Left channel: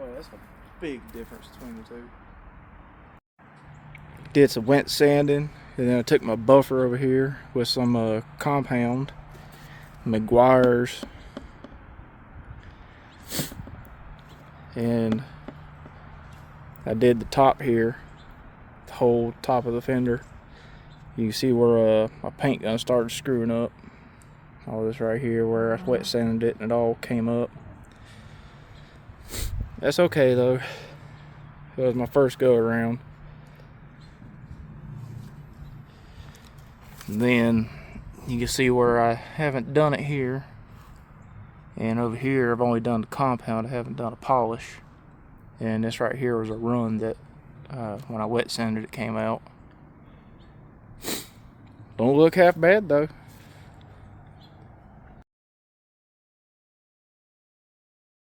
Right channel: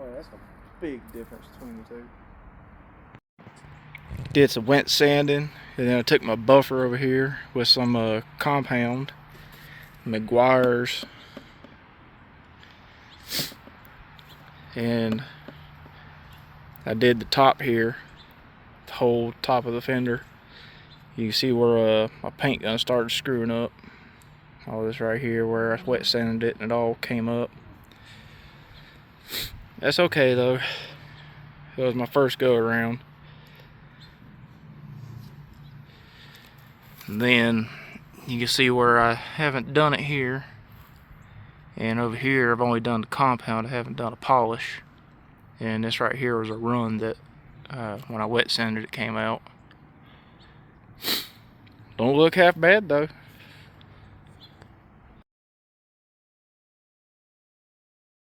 Oh, that's a big difference between the two. Did some wet sanding, and then I took my buffer over here with some compound, Meguiar's, and I did the top here, the whole top of the fender. You can see where my paint gun started screwing up. All this right here where I wet sanded it and it all came up. That's okay though. It was my first go around. And then you can see where I haven't done it here. And over here I've only done the compound, I haven't done a polish. And this right here was a run that when I wet sanded it came out. Don't look half bad though.